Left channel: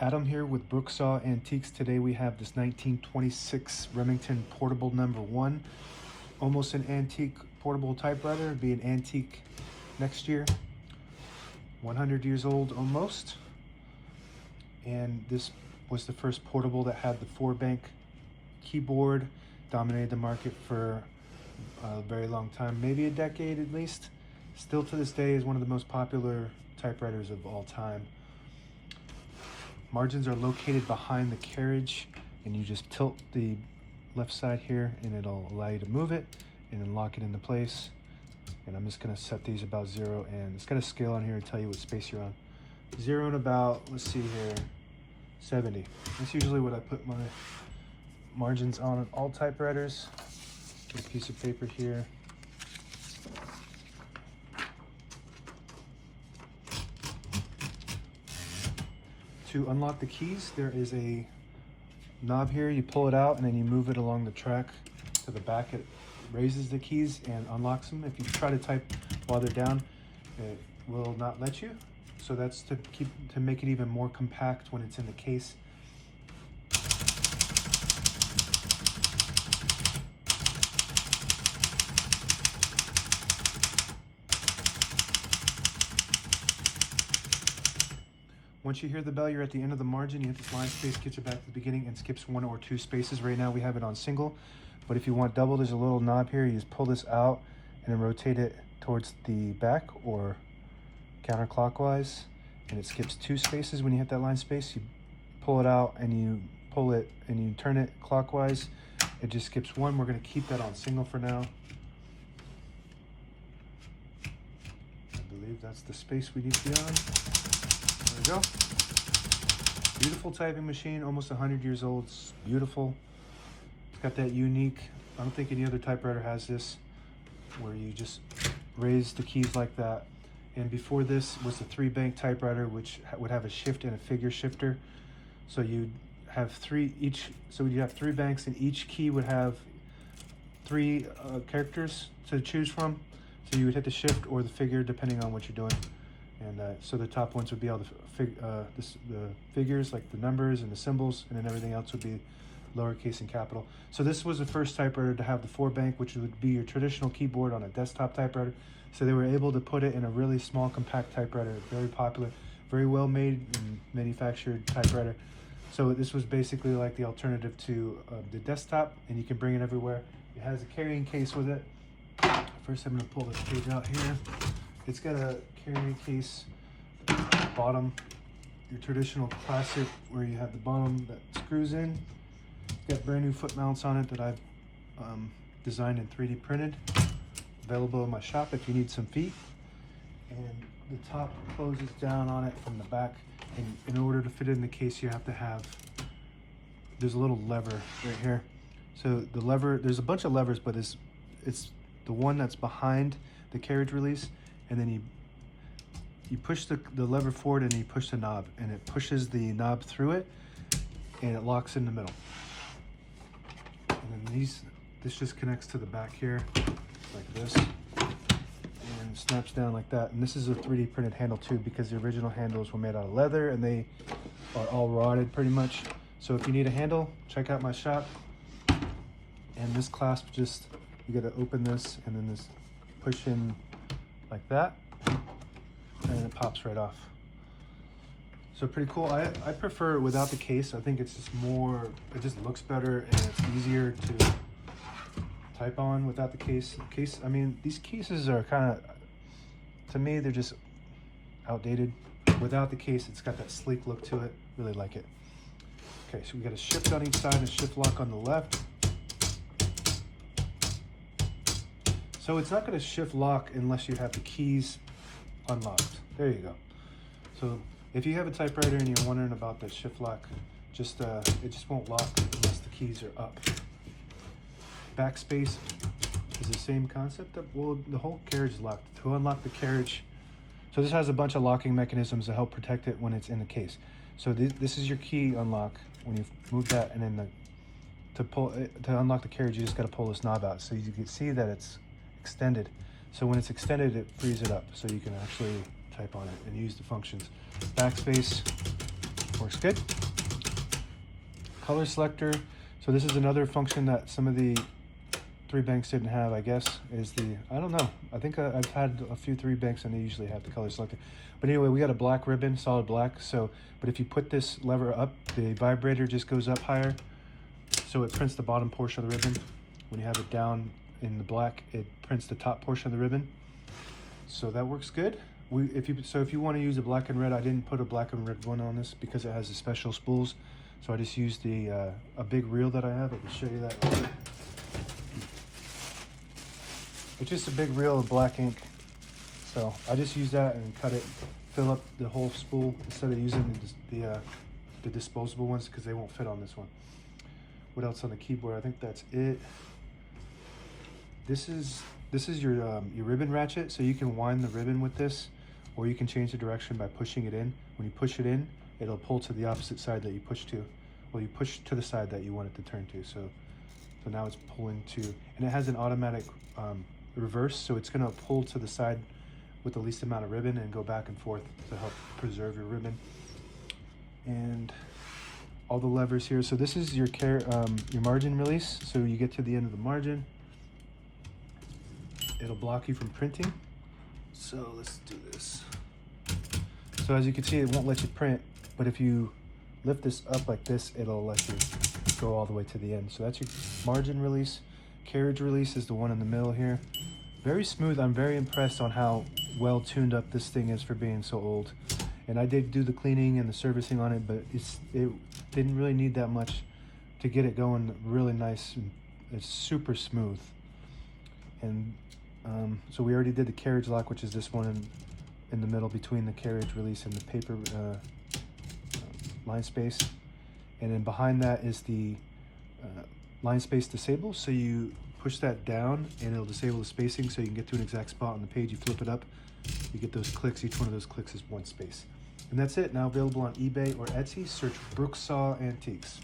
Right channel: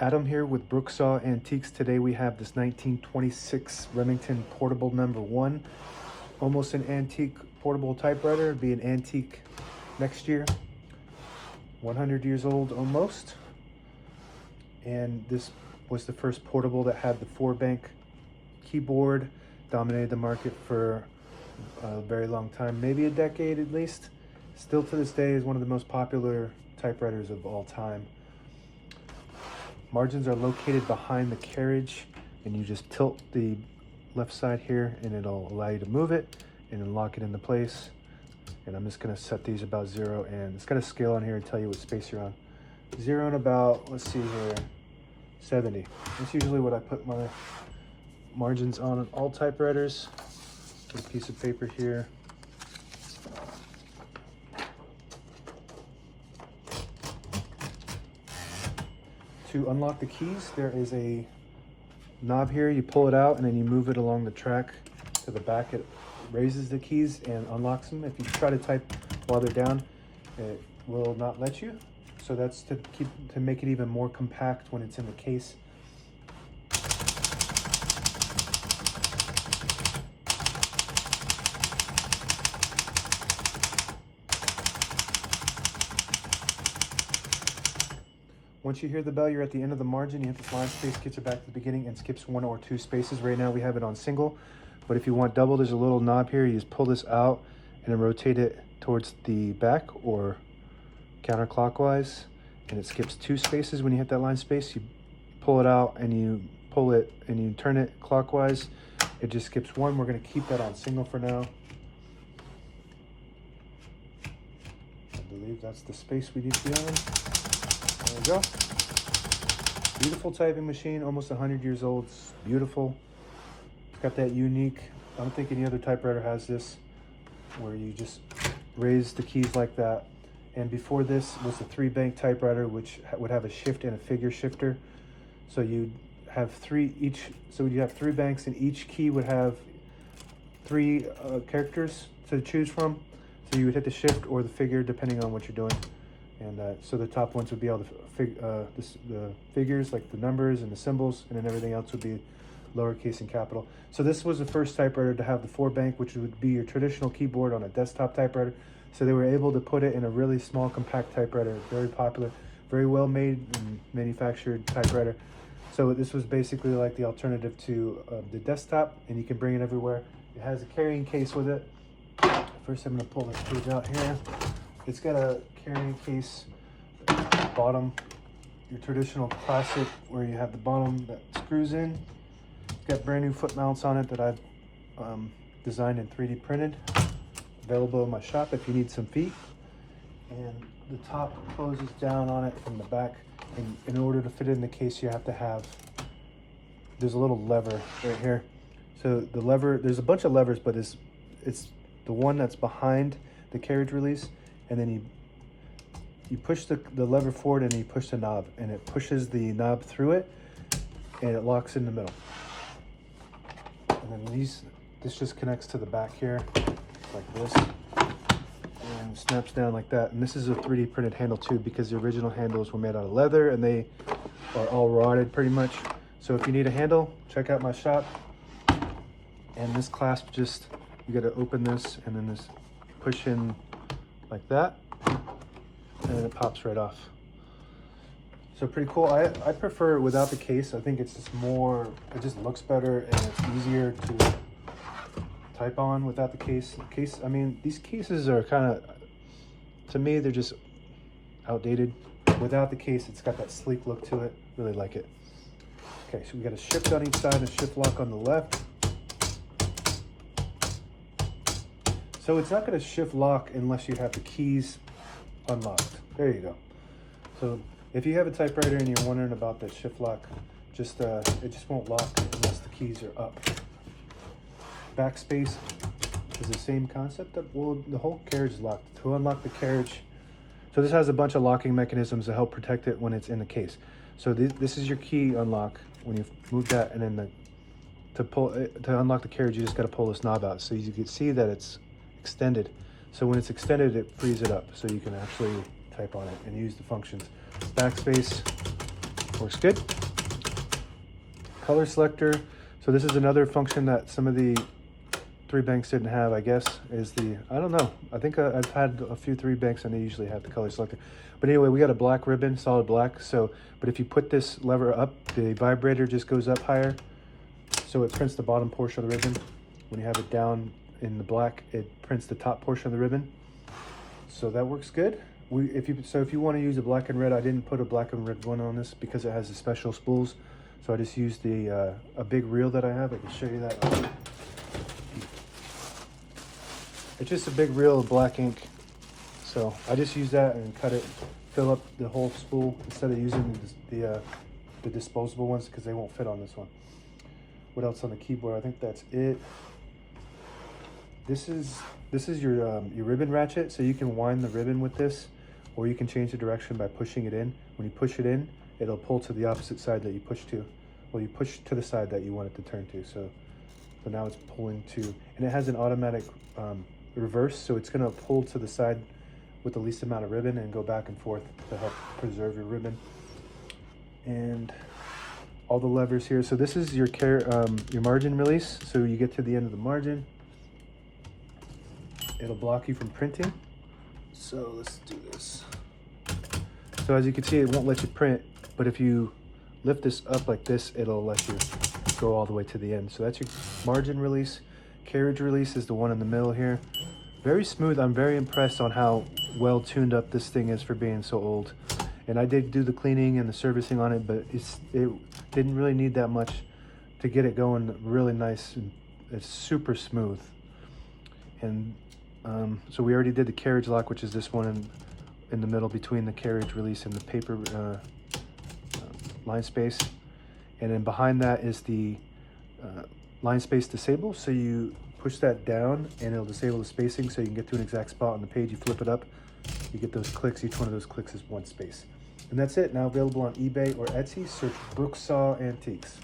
Adam here with Brooksaw Antiques. Today we have this 1926 Remington Portable #1. Almost an antique portable typewriter. It'll be an antique next year. 100 years old almost. And this was the first portable that had the 4-bank keyboard. Dominated the market for a very long time, maybe a decade at least. Still to this day is one of the most popular typewriters of all time. Margins are located behind the carriage, and you just tilt the left side here and it'll allow you to move it and then lock it into place. And I'm just going to set these about 0, and it's got a scale on here to tell you what space you're on. 0 and about, let's see here, 70. That's usually what I put my margins on all typewriters. This piece of paper here. To unlock the keys, there is a knob here. You pull it out and then you move it along the track to the back. It raises the keys and unlocks them. If you try to type while they're down, it will not let you. So that's to make it even more compact when it's in the case. Once you hear the bell, you're at the end of the margin. You hit this line space, gets you back to the beginning, and skips 1 or 2 spaces. Right now we have it on single, but if you want double, there's a little knob here. You just pull this out and then rotate it towards the back or counterclockwise, and it skips 2 spaces. When you hit that line space, you pull it out and you pull it and you turn it clockwise. It just skips 1. We're going to keep that on single for now. I believe that's the space we need to be on. There we go. Beautiful typing machine, almost 100 years old. It's beautiful. It's got that unique, I don't think any other typewriter has this, where you just raise the keys like that. And before this was the 3-bank typewriter, which would have a shift and a figure shifter. So you'd have 3 each, so you have 3 banks, and each key would have 3 characters to choose from. So you would hit the shift or the figure depending on what you're doing. And so the top ones would be all the figures, like the numbers and the symbols, and then everything else would be lowercase and capital. So this was the first typewriter to have the 4-bank, which would be your traditional keyboard on a desktop typewriter. So they were able to put it in a really small, compact typewriter. Very popular, very well made and manufactured typewriter. So this was basically like the alternative to the desktop, and you can bring it everywhere. It has a carrying case with it. First, I'm going to pull this page out here. It's got a carrying case bottom, your traditional classic, where you have the bottom that screws in. It's got brand new foot mounts on it that I've designed and 3D printed. Available in my shop if you need some feet. And the top closes down on it from the back. And in order to fit it in the case, you have to have, there's a little lever right here. So the lever, there's a bunch of levers, but it's the one that's behind the carriage release. And then you push the lever forward and you push the knob, and it pushes the knob through it and it locks in the middle. And then this just connects to the back here like this and snaps down like that. And this is a 3D printed handle too, because the original handles were made out of leather and they are all rotted pretty much. So if you need a handle, check out my shop. And this clasp, just, you got to open this and then this push in like that, and then it pops right off. So pretty cool. I prefer it without the case. I think it's just more, it just looks better and it's easier to type on without the case. I mean, these cases are kind of, to me, they're just outdated. Without the case, it's got that sleek look to it. Really like it. Okay, so we got a shift on each side and a shift lock on the left. So it's not going to shift lock unless you have the keys unlocked. There you go. So if you have a typewriter and you're wondering about the shift lock, it just won't lock unless the keys are up. Backspace is the same concept. Well, the whole carriage is locked. To unlock the carriage, so this has a bunch of locking mechanisms to help protect it when it's in the case. So this is your key unlock. When you move that, and then to unlock the carriage, you just got to pull this knob out. So you can see that it's extended. So when it's extended, it frees it up so you can actually type on it and use the functions. Backspace, Looks good. Color selector. So this is another function that some of the 3 banks didn't have, I guess, is the, I don't know. I think I've had a few 3 banks and they usually have the color selector. But anyway, we got a black ribbon, solid black. So, but if you put this lever up, the vibrator just goes up higher. So it prints the bottom portion of the ribbon. When you have it down in the black, it prints the top portion of the ribbon. So that works good. If you want to use a black and red, I didn't put a black and red one on this because it has the special spools. So I just used the a big reel that I have. I can show you that. It's just a big reel of black ink. So I just use that and cut it, fill up the whole spool instead of using the disposable ones because they won't fit on this one. What else on the keyboard? I think that's it. This is your ribbon ratchet, so you can wind the ribbon with this, or you can change the direction by pushing it in. When you push it in, it'll pull to the opposite side that you push to. Well, you push to the side that you want it to turn to. So now it's pulling to, and it has an automatic reverse, so it's going to pull to the side with the least amount of ribbon and go back and forth to help preserve your ribbon. And all the levers here. So this is your margin release. So you get to the end of the margin, it'll block you from printing. So let's do this. So as you can see, it won't let you print, but if you lift this up like this, it'll let you go all the way to the end. So that's your margin release. Carriage release is the one in the middle here. Very smooth. I'm very impressed on how well tuned up this thing is for being so old. And I did do the cleaning and the servicing on it, but it didn't really need that much to get it going really nice. And it's super smooth. And so we already did the carriage lock, which is this one in the middle between the carriage release and the paper line space. And then behind that is the line space disable. So you push that down and it'll disable the spacing so you can get to an exact spot on the page. You flip it up, you get those clicks. Each one of those clicks is 1 space. And that's it. Now available on eBay or Etsy. Search Brooksaw Antiques.